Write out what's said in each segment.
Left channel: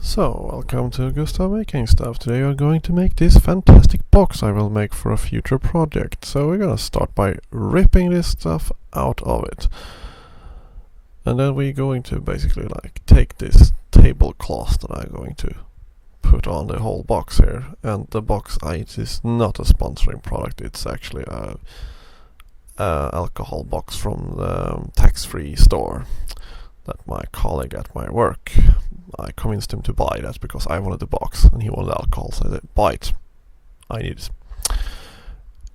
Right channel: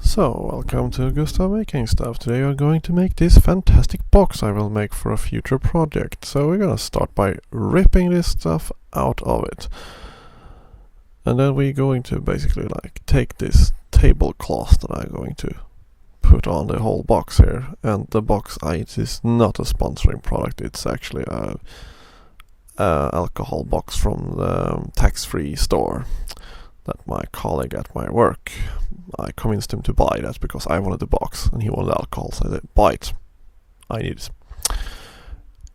So, welcome to Gustav Making Stuff. Today we are going to make this fantastic box I will make for a future project. So we're gonna start by ripping this stuff out of it. And then we're going to basically take this tablecloth that I'm going to put on the whole box here. And the box it is not a sponsoring product, it's actually a alcohol box from the tax-free store that my colleague at my work, I convinced him to buy that because I wanted the box and he wanted alcohol, so I said, buy it. I need it.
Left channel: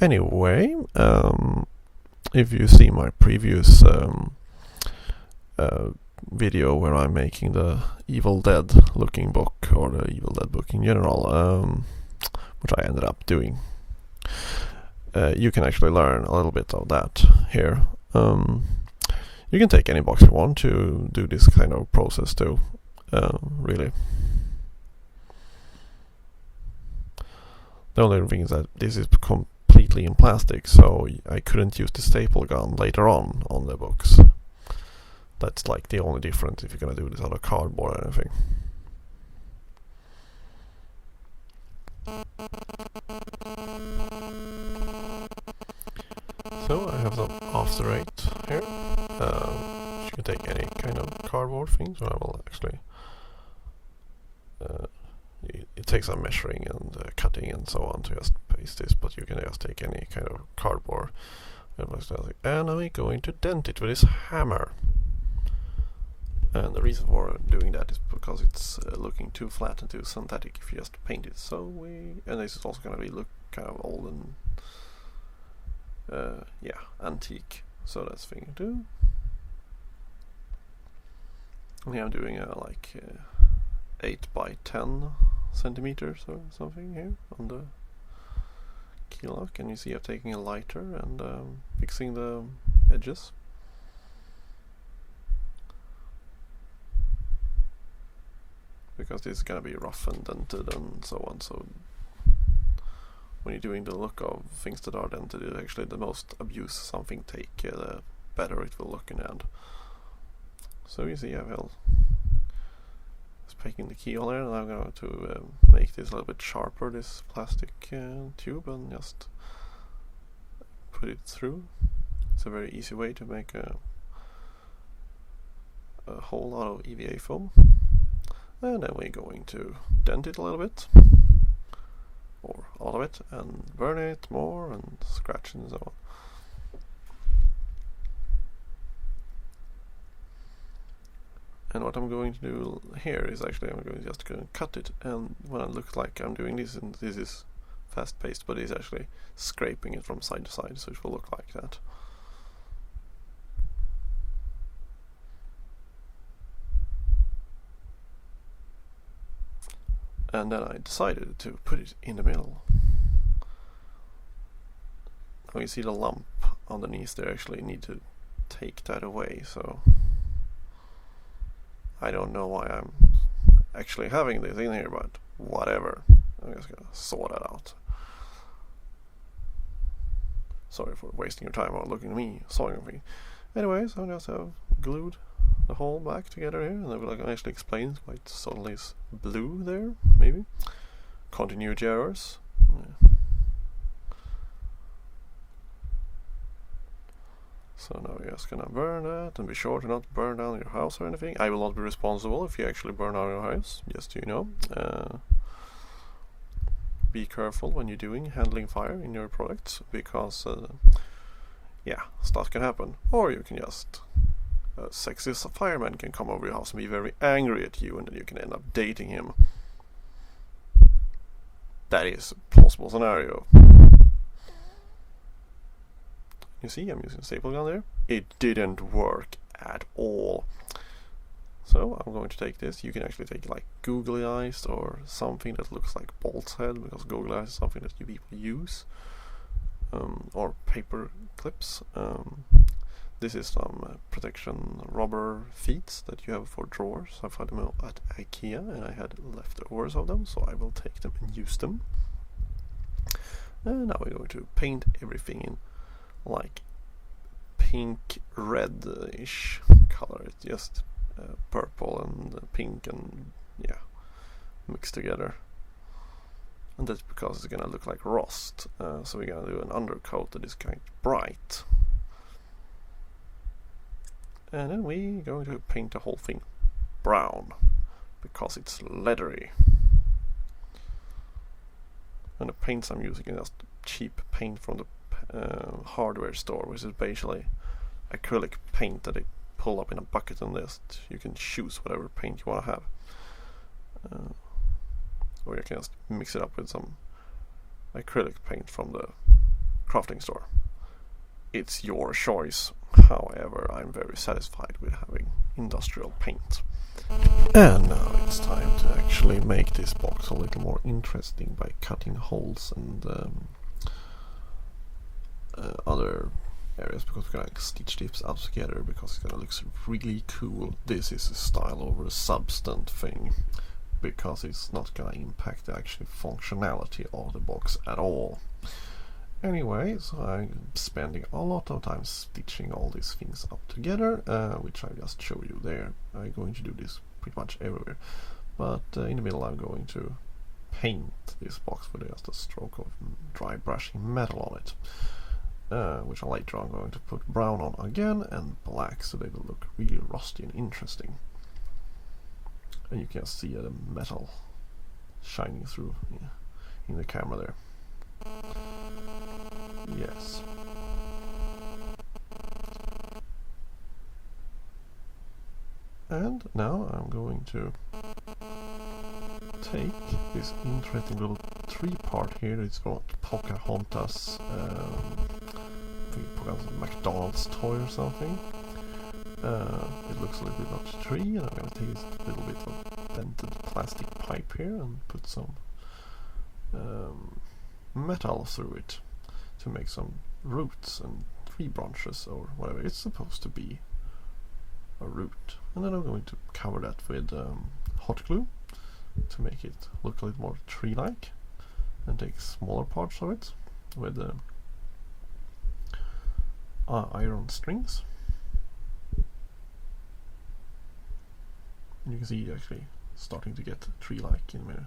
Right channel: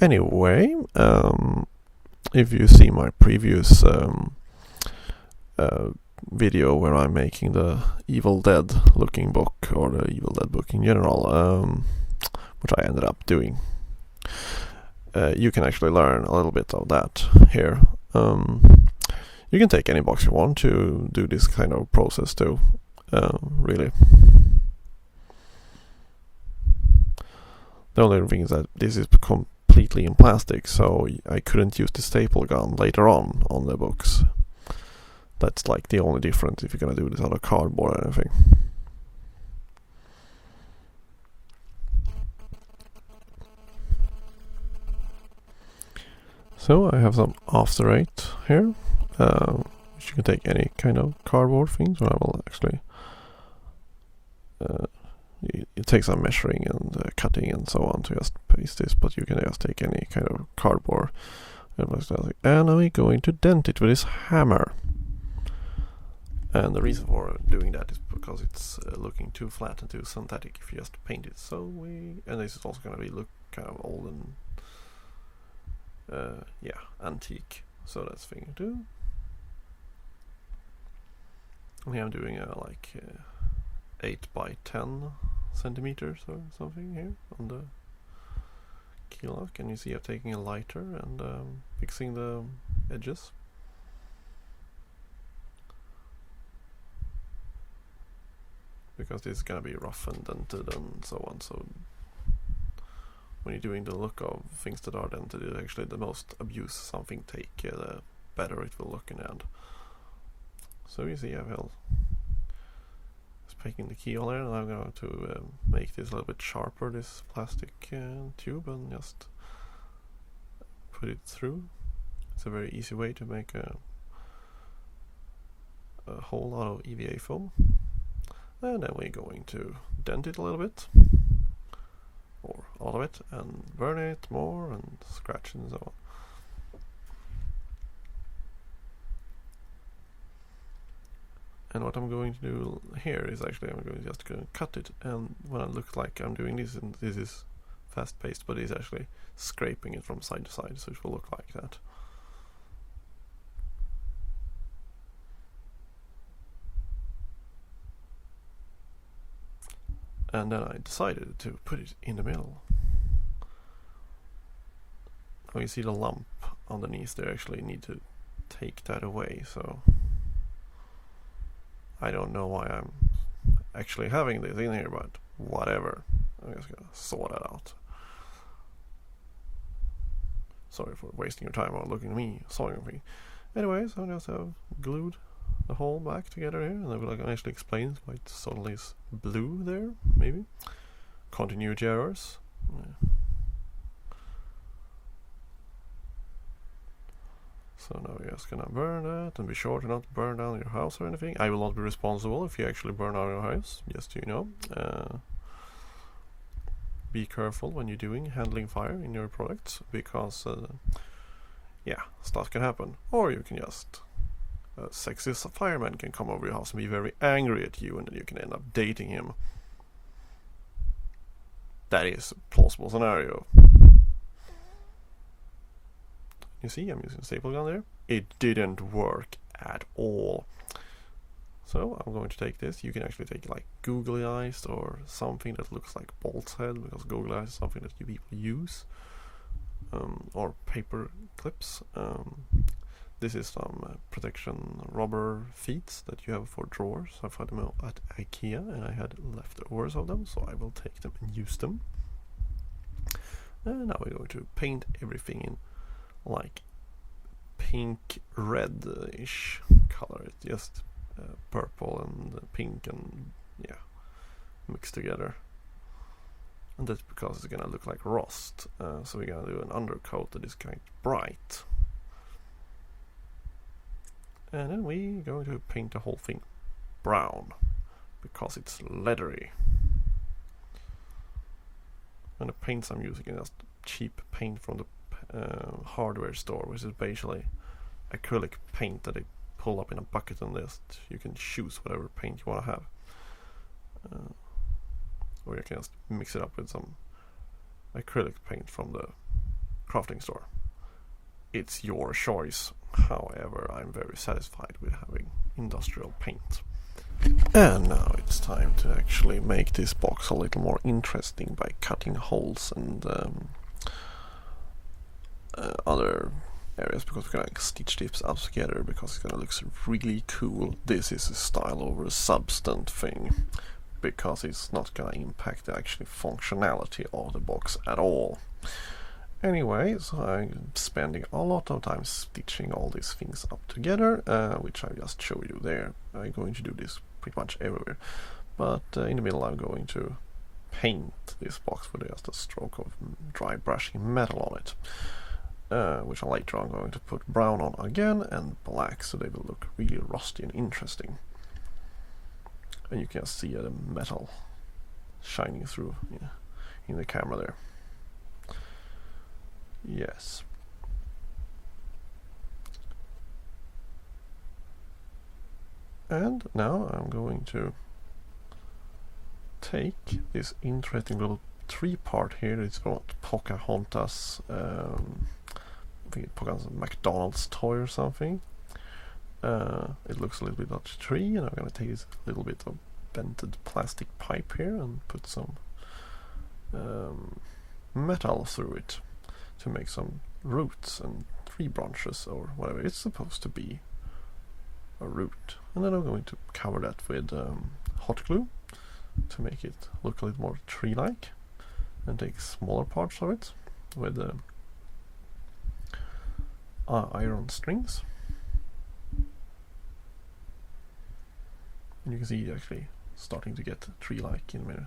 Anyway, if you see my previous video where I'm making the Evil Dead looking book, or the Evil Dead book in general, which I ended up doing, you can actually learn a little bit of that here. You can take any box you want to do this kind of process too, really. The only thing is that this is completely in plastic, so I couldn't use the staple gun later on the books. That's like the only difference if you're gonna do this out of cardboard or anything. So I have some After Eight here. You can take any kind of cardboard things, so I will actually it takes some measuring and cutting and so on to just paste this, but you can just take any kind of cardboard and I'm going to dent it with this hammer. And the reason for doing that is because it's looking too flat and too synthetic if you just paint it. And this is also going to be look kind of old and antique, so that's the thing to do. And here I'm doing 8 by 10 centimeters or something here on the key lock, and you see I'm taking a lighter and fixing the edges. Because this is gonna be rough and dented and so on, so when you're doing the look of things that are dented, it's actually the most abuse something take, the better it will look in the end. So you see I will just taking the keyhole there, and I'm going to make this a little bit sharper, this plastic tube, and just put it through. It's a very easy way to make a hole out of EVA foam. And then we're going to dent it a little bit, or all of it, and burn it more and scratch and so on. And what I'm going to do here is actually I'm going to just cut it, and when it looks like I'm doing this, and this is fast paced, but it's actually scraping it from side to side, so it will look like that. And then I decided to put it in the middle. Now you see the lump underneath there, actually need to take that away, so I don't know why I'm actually having this in here, but whatever. I'm just gonna sort that out. Sorry for wasting your time or looking at me sawing me. Anyways, I just have glued the whole back together here, and I will actually explain why it suddenly is blue there, maybe. Continuity errors. Yeah. So now we're just gonna burn that, and be sure to not burn down your house or anything. I will not be responsible if you actually burn down your house, just so you know. Be careful when you're handling fire in your products, because stuff can happen. Or you can just a sexy fireman can come over your house and be very angry at you, and then you can end up dating him. That is a plausible scenario. You see, I'm using a staple gun there. It didn't work at all. So I'm going to take this. You can actually take like googly eyes or something that looks like Bolt's head, because googly eyes is something that you people use, or paper clips. This is some protection rubber feet that you have for drawers. I found them at IKEA, and I had leftovers of them, so I will take them and use them. And now we're going to paint everything in like pink reddish color. It's just purple and pink and mixed together. And that's because it's gonna look like rust. So we're gonna do an undercoat that is kind of bright. And then we're going to paint the whole thing brown, because it's leathery. And the paints I'm using is just cheap paint from the hardware store, which is basically acrylic paint that they pull up in a bucket, and you can choose whatever paint you want to have. Or you can just mix it up with some acrylic paint from the crafting store. It's your choice. However, I'm very satisfied with having industrial paint. And now it's time to actually make this box a little more interesting by cutting holes and other areas, because we're gonna stitch this up together because it's gonna look really cool. This is a style over substance thing, because it's not gonna impact the actual functionality of the box at all. Anyway, so I'm spending a lot of time stitching all these things up together, which I just showed you there. I'm going to do this pretty much everywhere, but in the middle I'm going to paint this box with just a stroke of dry brushing metal on it, which later I'm going to put brown on again and black, so they will look really rusty and interesting. And you can see the metal shining through in the camera there. Yes. And now I'm going to take this interesting little tree part here. It's got Pocahontas, I think Pocahontas McDonald's toy or something. It looks a little bit like a tree, and I'm going to take this little bit of dented plastic pipe here and put some metal through it to make some roots and tree branches or whatever. It's supposed to be a root. And then I'm going to cover that with hot glue to make it look a little more tree-like, and take smaller parts of it with iron strings. And you can see it actually starting to get tree-like in a minute.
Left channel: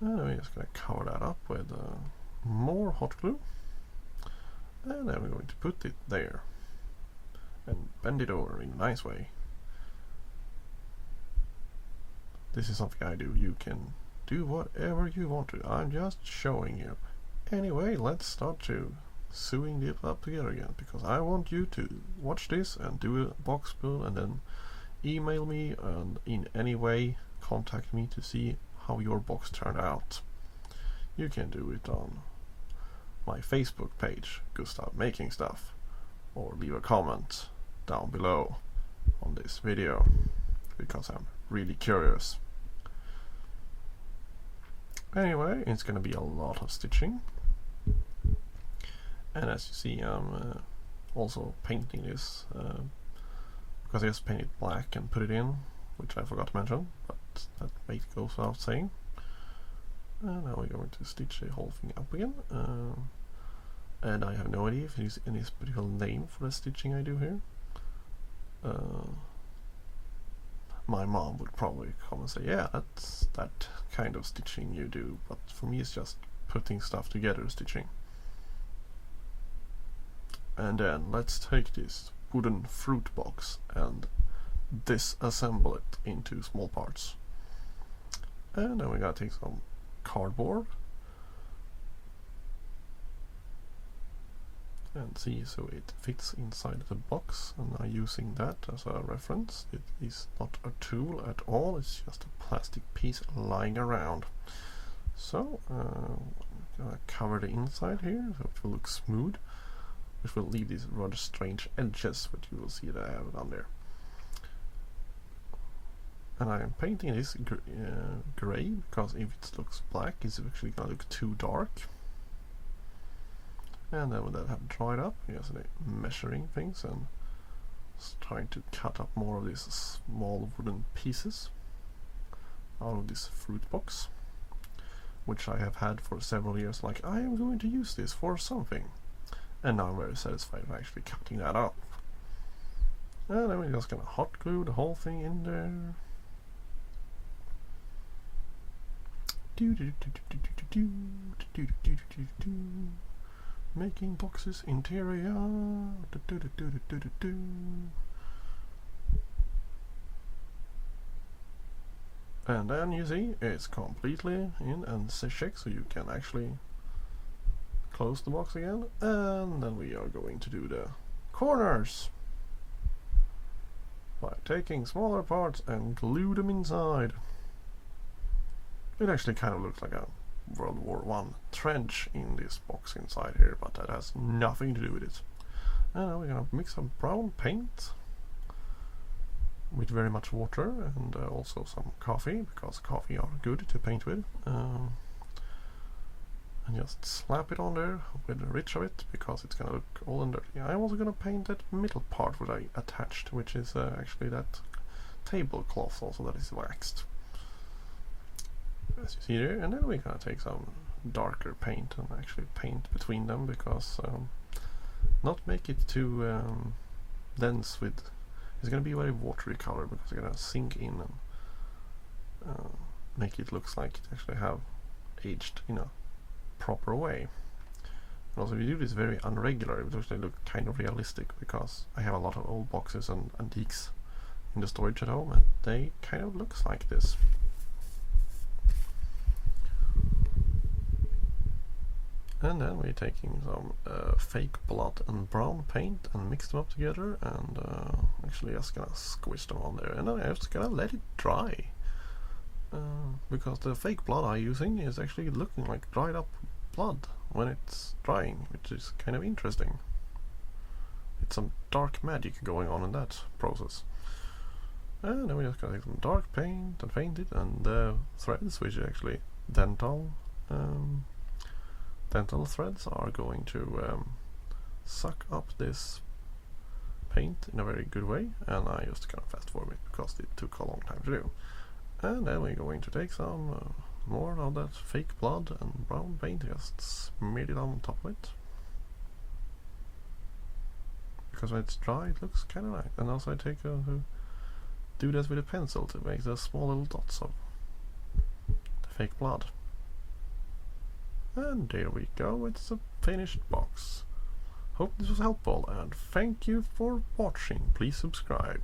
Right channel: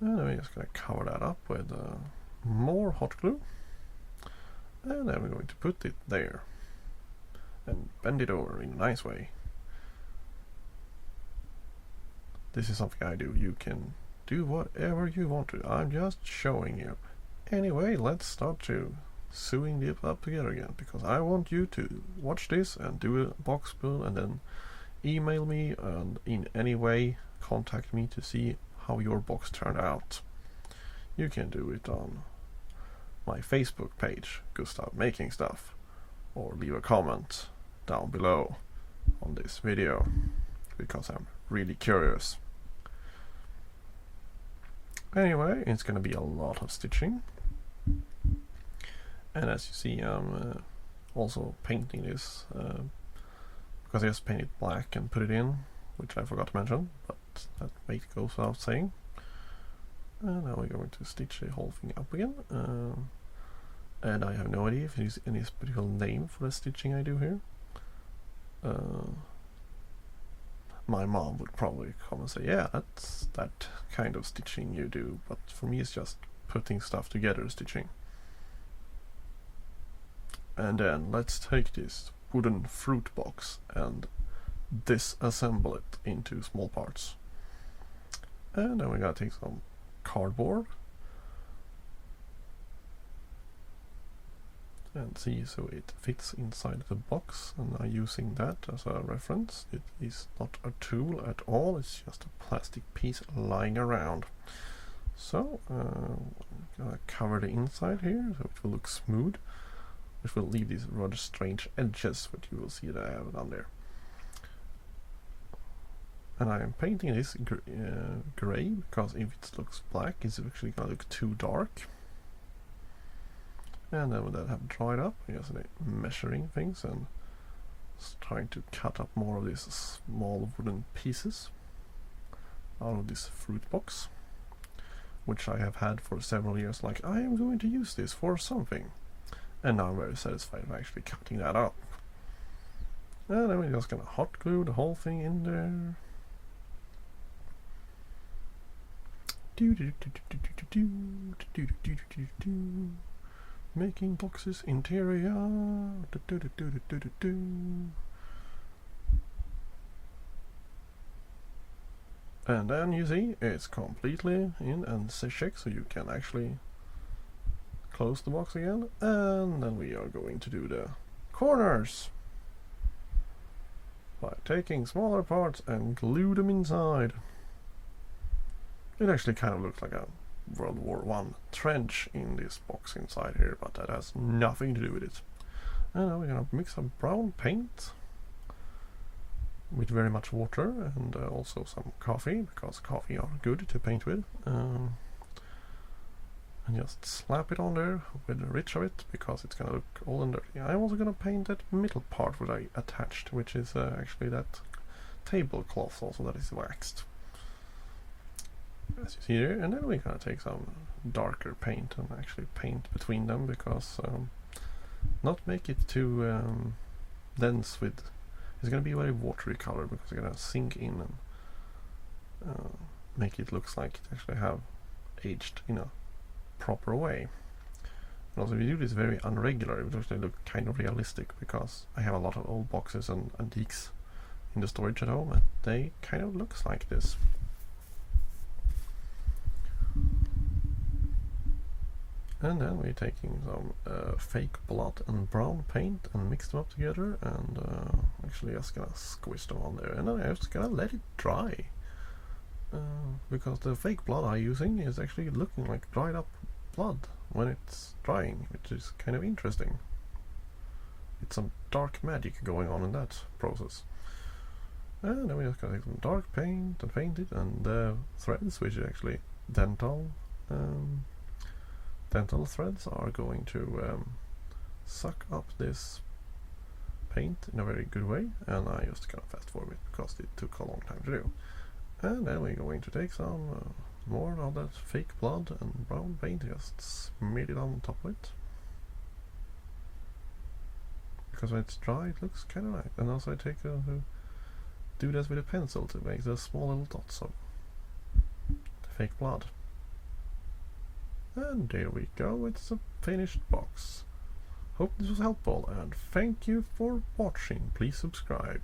And I'm just going to cover that up with more hot glue. And then we're going to put it there and bend it over in a nice way. This is something I do. You can do whatever you want to. I'm just showing you. Anyway, let's start to sewing it up together again, because I want you to watch this and do a box build, and then email me and in any way contact me to see how your box turned out. You can do it on my Facebook page, Gustav Making Stuff, or leave a comment down below on this video, because I'm really curious. Anyway, it's gonna be a lot of stitching, and as you see, I'm also painting this because I just painted black and put it in, which I forgot to mention, but that goes without saying. And now we're going to stitch the whole thing up again, and I have no idea if there's any particular name for the stitching I do here. My mom would probably come and say, yeah, that's that kind of stitching you do, but for me it's just putting stuff together stitching. And then let's take this wooden fruit box and disassemble it into small parts. And then we gotta take some cardboard and see so it fits inside the box, and I'm using that as a reference. It is not a tool at all, it's just a plastic piece lying around. So I'm gonna cover the inside here so it will look smooth, which will leave these rather strange edges, which you will see that I have down there. And I am painting this grey, because if it looks black it's actually gonna look too dark. And then when that have dried up, just measuring things and trying to cut up more of these small wooden pieces out of this fruit box, which I have had for several years, like I am going to use this for something. And now I'm very satisfied with actually cutting that up. And then we're just gonna hot glue the whole thing in there. Making boxes interior. And then you see it's completely in and check, so you can actually close the box again. And then we are going to do the corners by taking smaller parts and glue them inside. It actually kind of looks like a World War I trench in this box inside here, but that has nothing to do with it. And now we're gonna mix some brown paint with very much water and also some coffee, because coffee are good to paint with. And just slap it on there with the ridge of it, because it's gonna look old and dirty. I'm also gonna paint that middle part that I attached, which is actually that tablecloth also that is waxed, as you see there. And then we're gonna take some darker paint and actually paint between them, because not make it too dense with. It's gonna be a very watery color, because it's gonna sink in and make it looks like it actually have aged in a proper way. And also, if you do this very unregular, it will actually look kind of realistic, because I have a lot of old boxes and antiques in the storage at home, and they kind of looks like this. And then we're taking some fake blood and brown paint and mix them up together, and actually just gonna squish them on there, and then I'm just gonna let it dry, because the fake blood I'm using is actually looking like dried up blood when it's drying, which is kind of interesting. It's some dark magic going on in that process. And then we're just gonna take some dark paint and paint it, and the threads, which is actually dental threads, are going to suck up this paint in a very good way, and I just kind of fast forward it because it took a long time to do. And then we're going to take some more of that fake blood and brown paint, just smear it on top of it, because when it's dry it looks kind of nice. And also I take do this with a pencil to make the small little dots of the fake blood. And there we go, it's a finished box. Hope this was helpful, and thank you for watching. Please subscribe.